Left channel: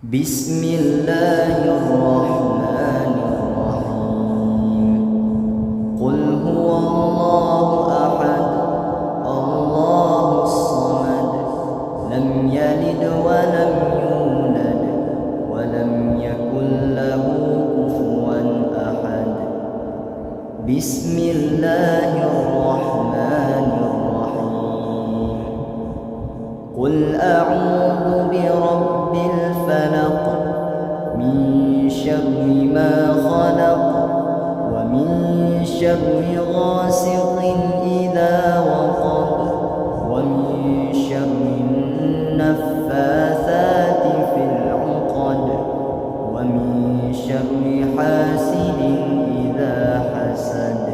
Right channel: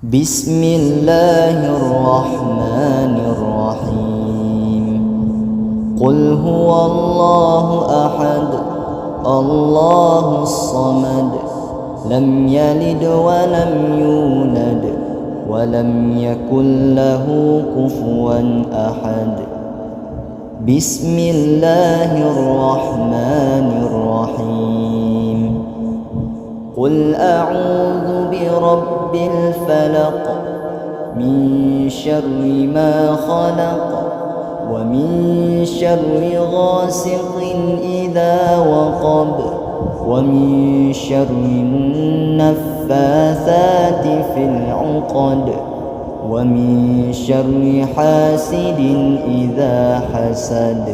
بسم الله الرحمن الرحيم. قل هو الله أحد الله الصمد لم يلد ولم يولد ولم يكن له كفوا أحد. بسم الله الرحمن الرحيم. قل أعوذ برب الفلق من شر ما خلق ومن شر غاسق إذا وقب ومن شر النفاثات في العقد ومن شر حاسد إذا حسد.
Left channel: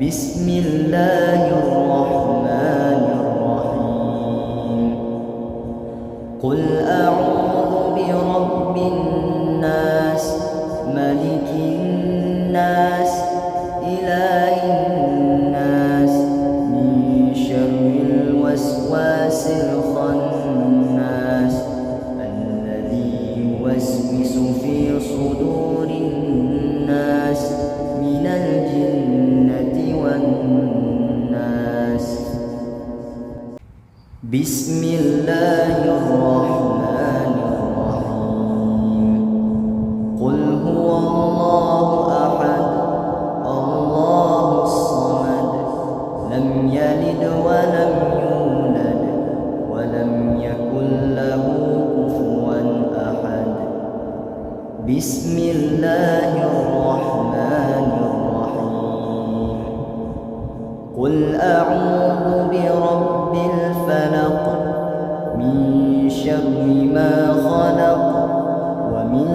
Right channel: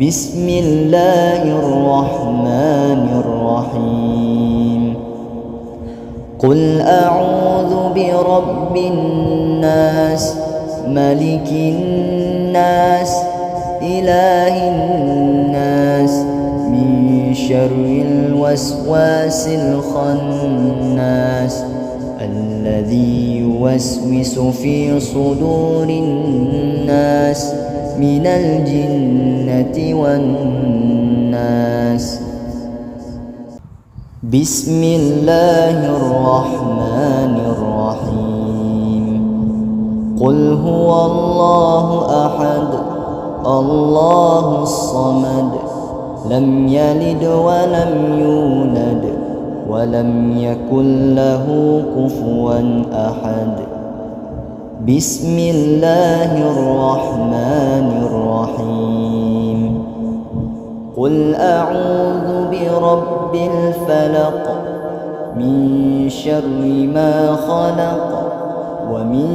بسم الله الرحمن الرحيم. قل أعوذ برب الناس ملك الناس إله الناس من شر الوسواس الخناس الذي يوسوس في صدور الناس من الجنة والناس. بسم الله الرحمن الرحيم. قل هو الله أحد الله الصمد لم يلد ولم يولد ولم يكن له كفوا أحد. بسم الله الرحمن الرحيم. قل أعوذ برب الفلق من شر ما خلق ومن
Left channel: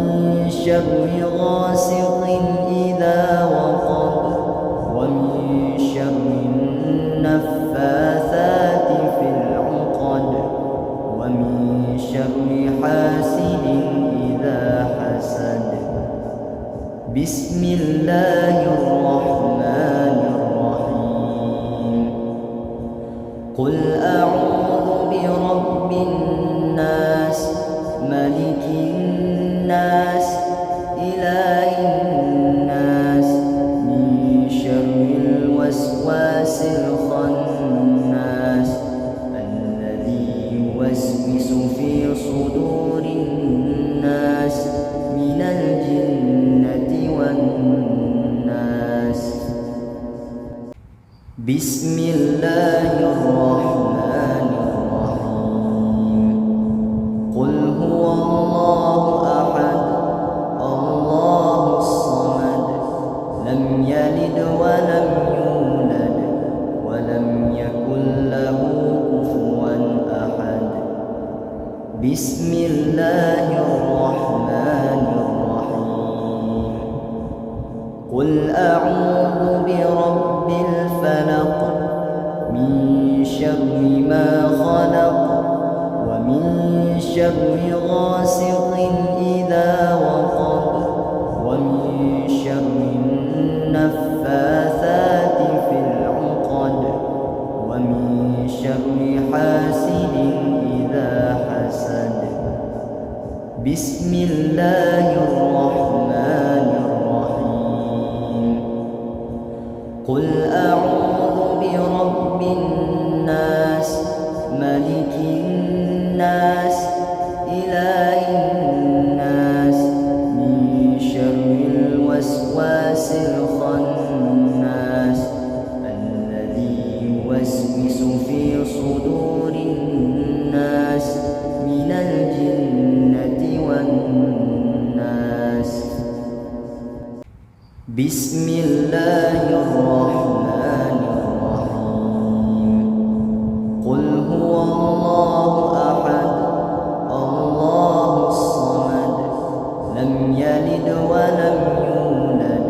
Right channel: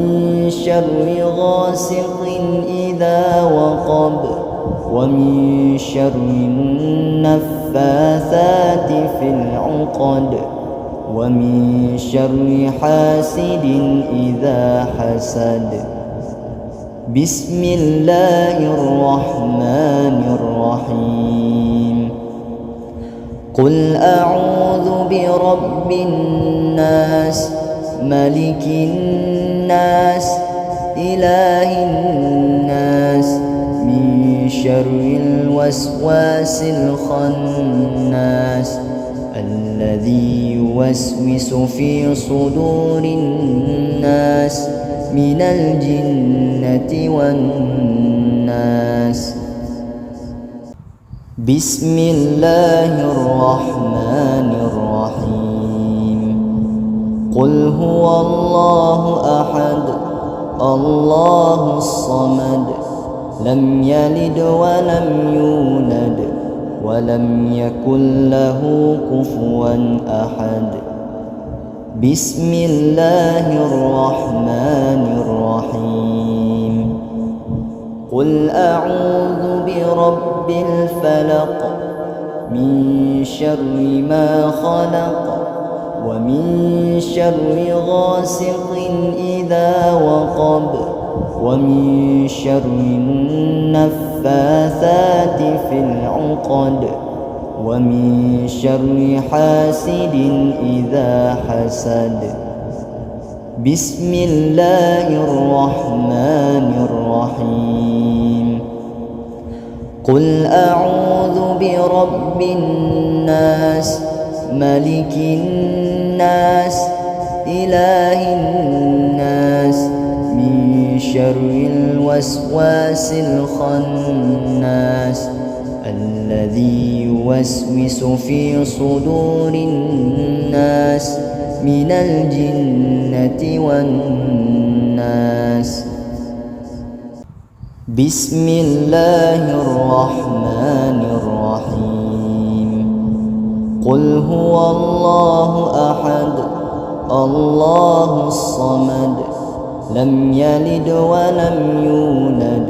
شر غاسق إذا وقب ومن شر النفاثات في العقد ومن شر حاسد إذا حسد. بسم الله الرحمن الرحيم. قل أعوذ برب الناس ملك الناس إله الناس من شر الوسواس الخناس الذي يوسوس في صدور الناس من الجنة والناس. بسم الله الرحمن الرحيم. قل هو الله أحد الله الصمد لم يلد ولم يولد ولم يكن له كفوا أحد. بسم الله الرحمن الرحيم. قل أعوذ برب الفلق من شر ما خلق ومن شر غاسق إذا وقب ومن شر النفاثات في العقد ومن شر حاسد إذا حسد. بسم الله الرحمن الرحيم. قل أعوذ برب الناس ملك الناس إله الناس من شر الوسواس الخناس الذي يوسوس في صدور الناس من الجنة والناس. بسم الله الرحمن الرحيم. قل هو الله أحد الله الصمد لم يلد ولم يولد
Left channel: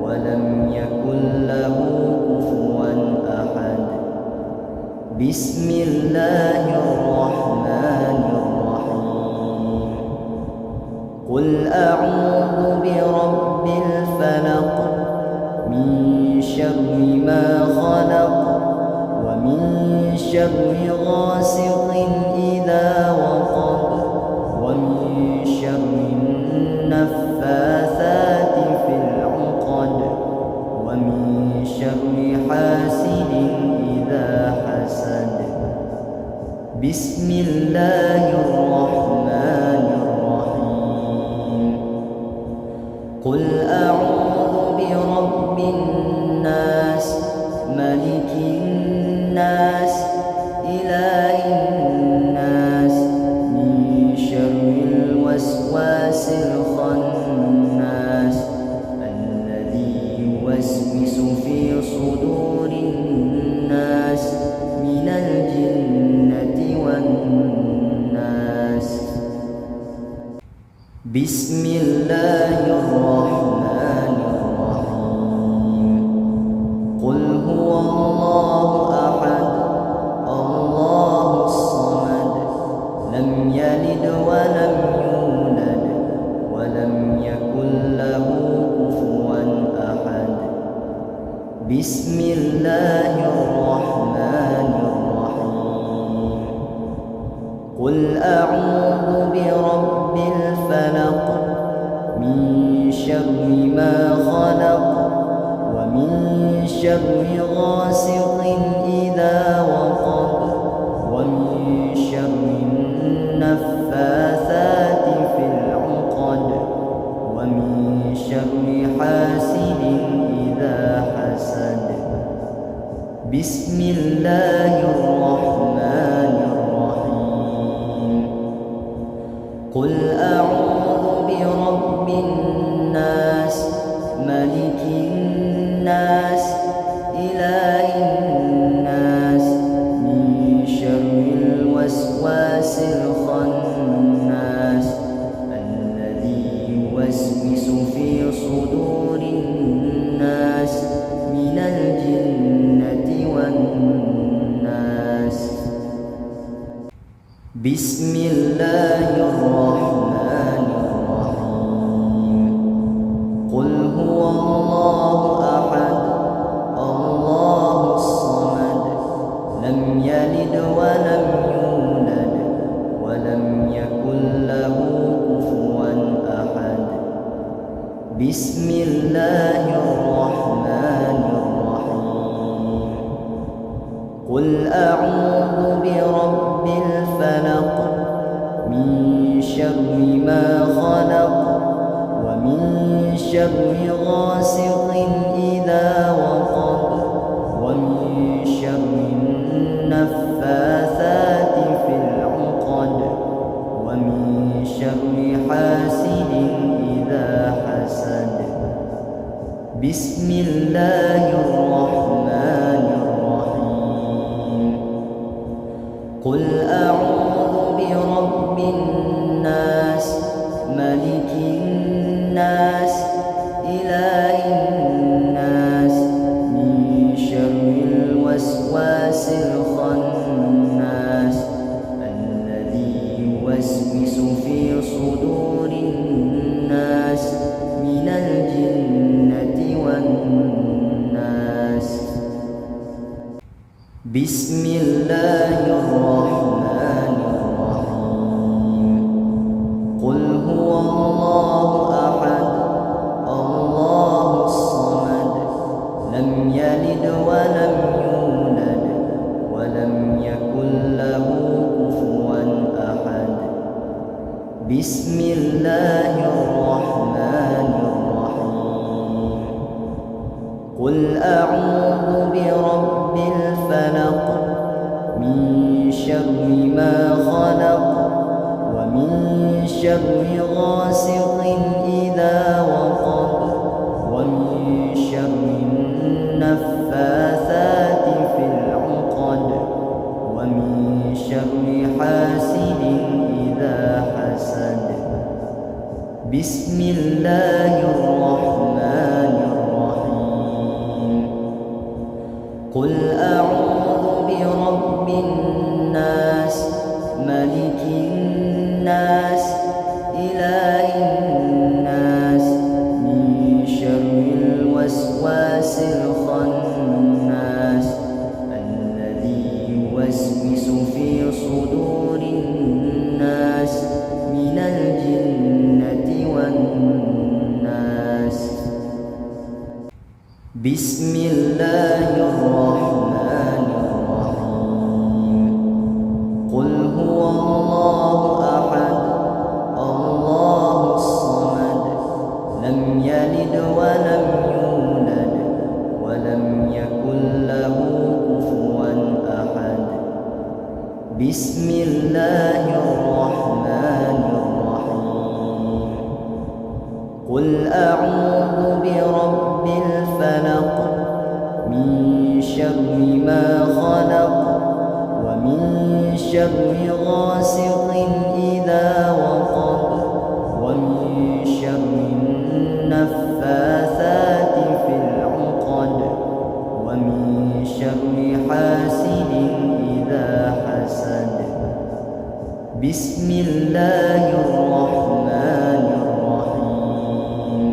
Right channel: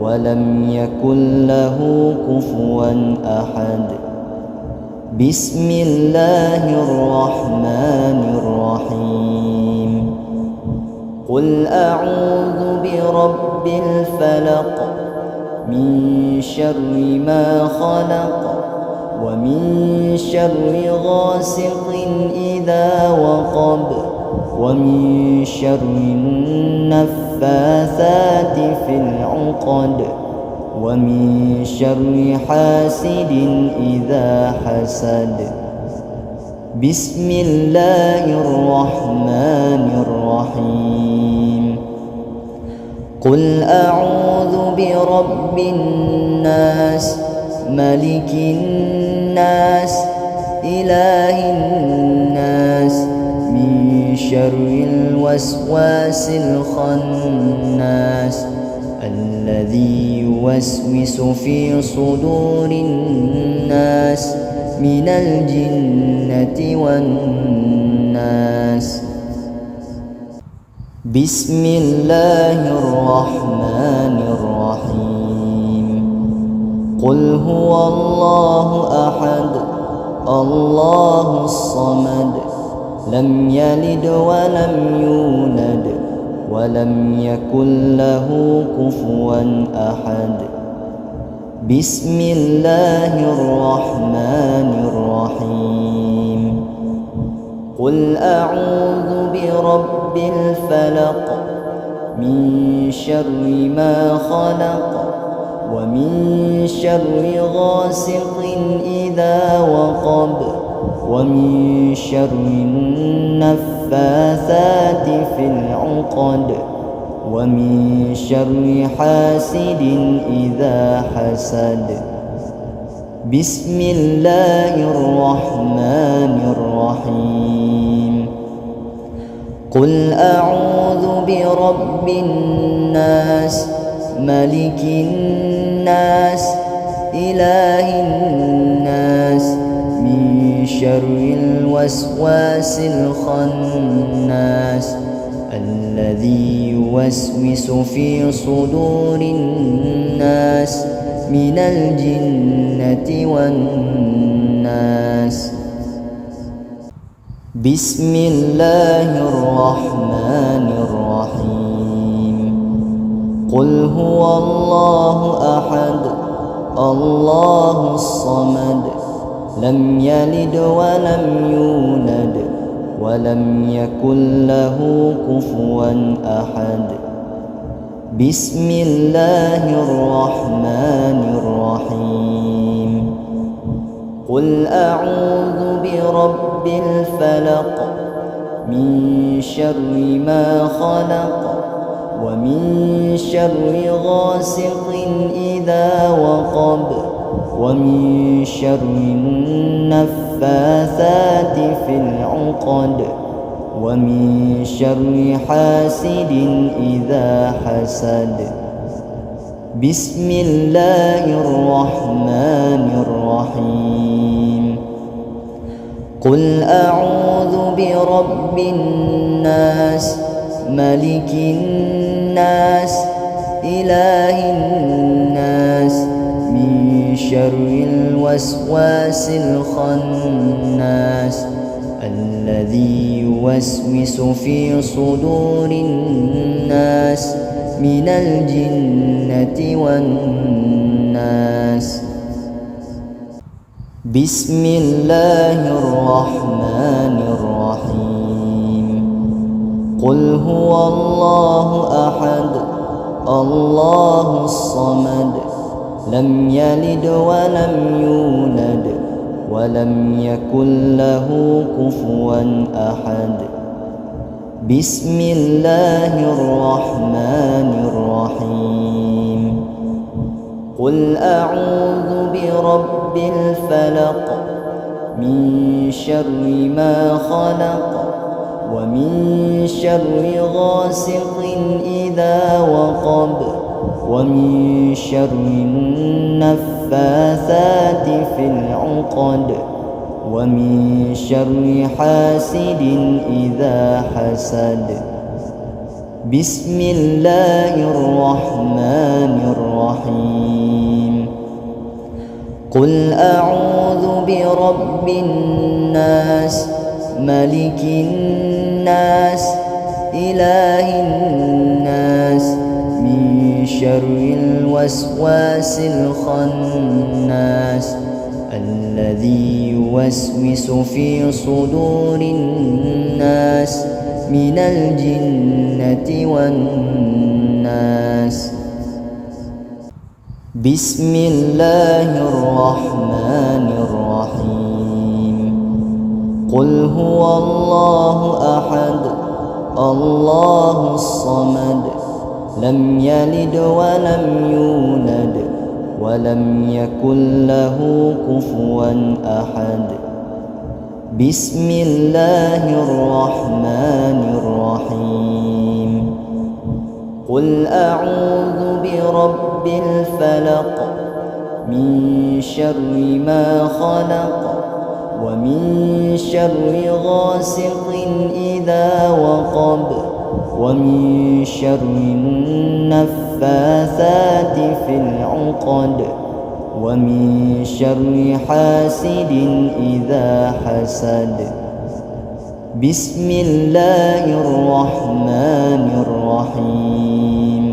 ولم يكن له كفوا أحد. بسم الله الرحمن الرحيم. قل أعوذ برب الفلق من شر ما خلق ومن شر غاسق إذا وقب ومن شر النفاثات في العقد ومن شر حاسد إذا حسد. بسم الله الرحمن الرحيم. قل أعوذ برب الناس ملك الناس إله الناس من شر الوسواس الخناس الذي يوسوس في صدور الناس من الجنة والناس. بسم الله الرحمن الرحيم. قل هو الله أحد الله الصمد لم يلد ولم يولد ولم يكن له كفوا أحد. بسم الله الرحمن الرحيم. قل أعوذ برب الفلق من شر ما خلق ومن شر غاسق إذا وقب ومن شر النفاثات في العقد ومن شر حاسد إذا حسد. بسم الله الرحمن الرحيم. قل أعوذ برب الناس ملك الناس إله الناس من شر الوسواس الخناس الذي يوسوس في صدور الناس من الجنة والناس. بسم الله الرحمن الرحيم. قل هو الله أحد الله الصمد لم يلد ولم يولد ولم يكن له كفوا أحد. بسم الله الرحمن الرحيم. قل أعوذ برب الفلق من شر ما خلق ومن شر غاسق إذا وقب ومن شر النفاثات في العقد ومن شر حاسد إذا حسد. بسم الله الرحمن الرحيم. قل أعوذ برب الناس ملك الناس إله الناس من شر الوسواس الخناس الذي يوسوس في صدور الناس من الجنة والناس. بسم الله الرحمن الرحيم. قل هو الله أحد الله الصمد لم يلد ولم يولد ولم يكن له كفوا أحد. بسم الله الرحمن الرحيم. قل أعوذ برب الفلق من شر ما خلق ومن شر غاسق إذا وقب ومن شر النفاثات في العقد ومن شر حاسد إذا حسد. بسم الله الرحمن الرحيم. قل أعوذ برب الناس ملك الناس إله الناس من شر الوسواس الخناس الذي يوسوس في صدور الناس من الجنة والناس. بسم الله الرحمن الرحيم. قل هو الله أحد الله الصمد لم يلد ولم يولد ولم يكن له كفوا أحد. بسم الله الرحمن الرحيم. قل أعوذ برب الفلق من شر ما خلق ومن شر غاسق إذا وقب ومن شر النفاثات في العقد ومن شر حاسد إذا حسد. بسم الله الرحمن الرحيم.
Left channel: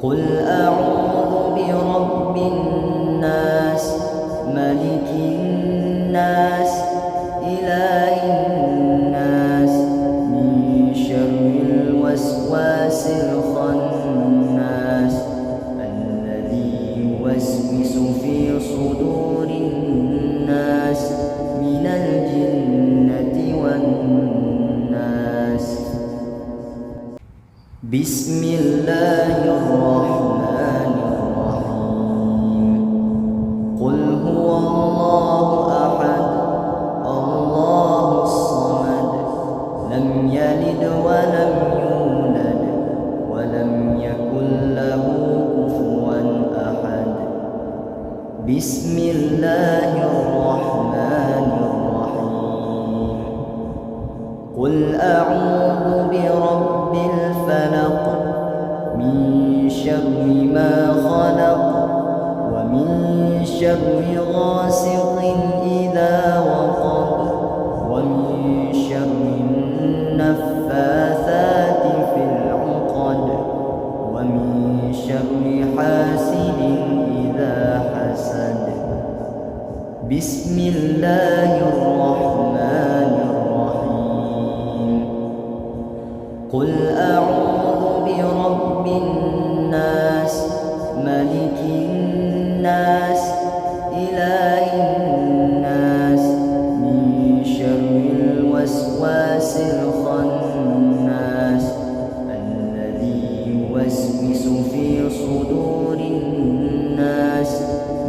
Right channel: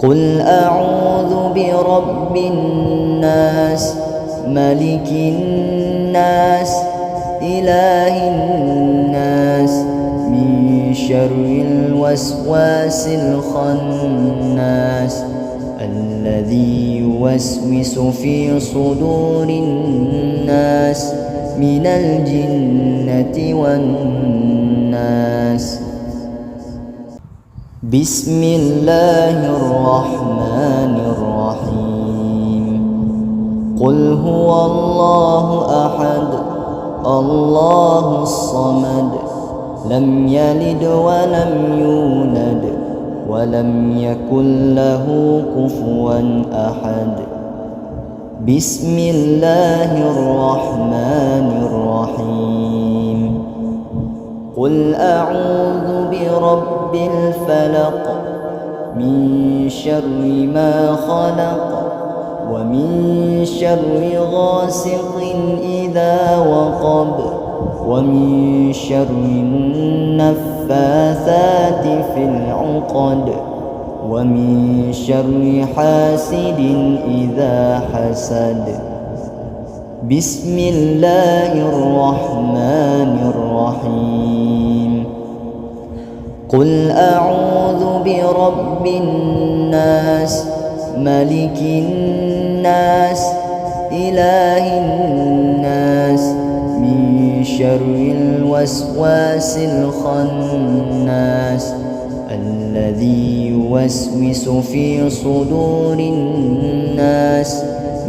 قل أعوذ برب الناس ملك الناس إله الناس من شر الوسواس الخناس الذي يوسوس في صدور الناس من الجنة والناس. بسم الله الرحمن الرحيم. قل هو الله أحد الله الصمد لم يلد ولم يولد ولم يكن له كفوا أحد. بسم الله الرحمن الرحيم. قل أعوذ برب الفلق من شر ما خلق ومن شر غاسق إذا وقب ومن شر النفاثات في العقد ومن شر حاسد إذا حسد. بسم الله الرحمن الرحيم. قل أعوذ برب الناس ملك الناس إله الناس من شر الوسواس الخناس الذي يوسوس في صدور الناس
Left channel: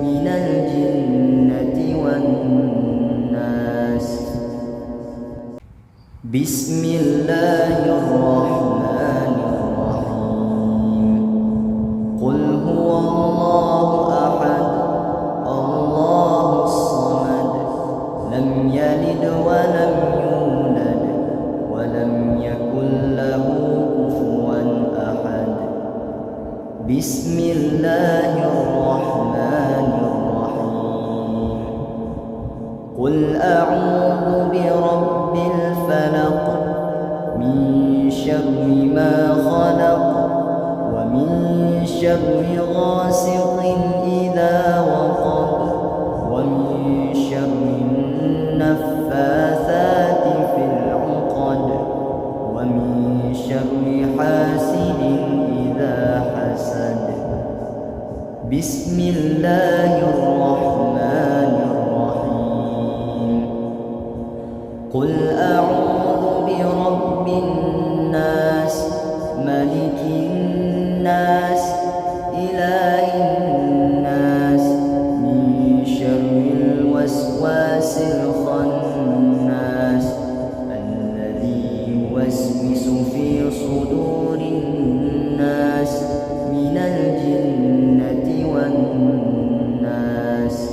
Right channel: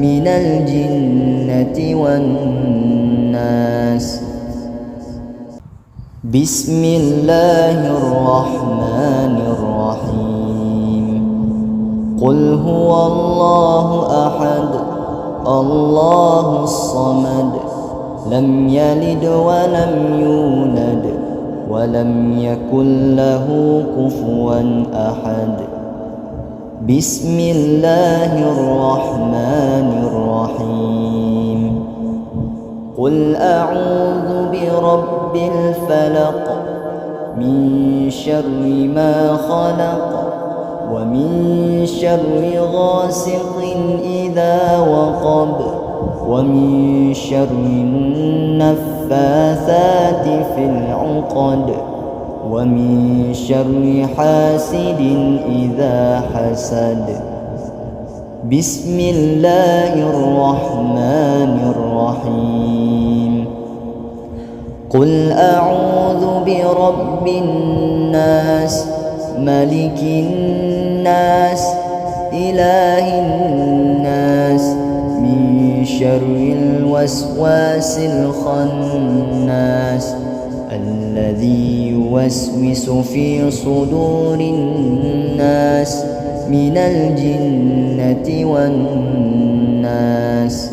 من الجنة والناس. بسم الله الرحمن الرحيم. قل هو الله أحد الله الصمد لم يلد ولم يولد ولم يكن له كفوا أحد. بسم الله الرحمن الرحيم. قل أعوذ برب الفلق من شر ما خلق ومن شر غاسق إذا وقب ومن شر النفاثات في العقد ومن شر حاسد إذا حسد. بسم الله الرحمن الرحيم. قل أعوذ برب الناس ملك الناس إله الناس من شر الوسواس الخناس الذي يوسوس في صدور الناس من الجنة والناس.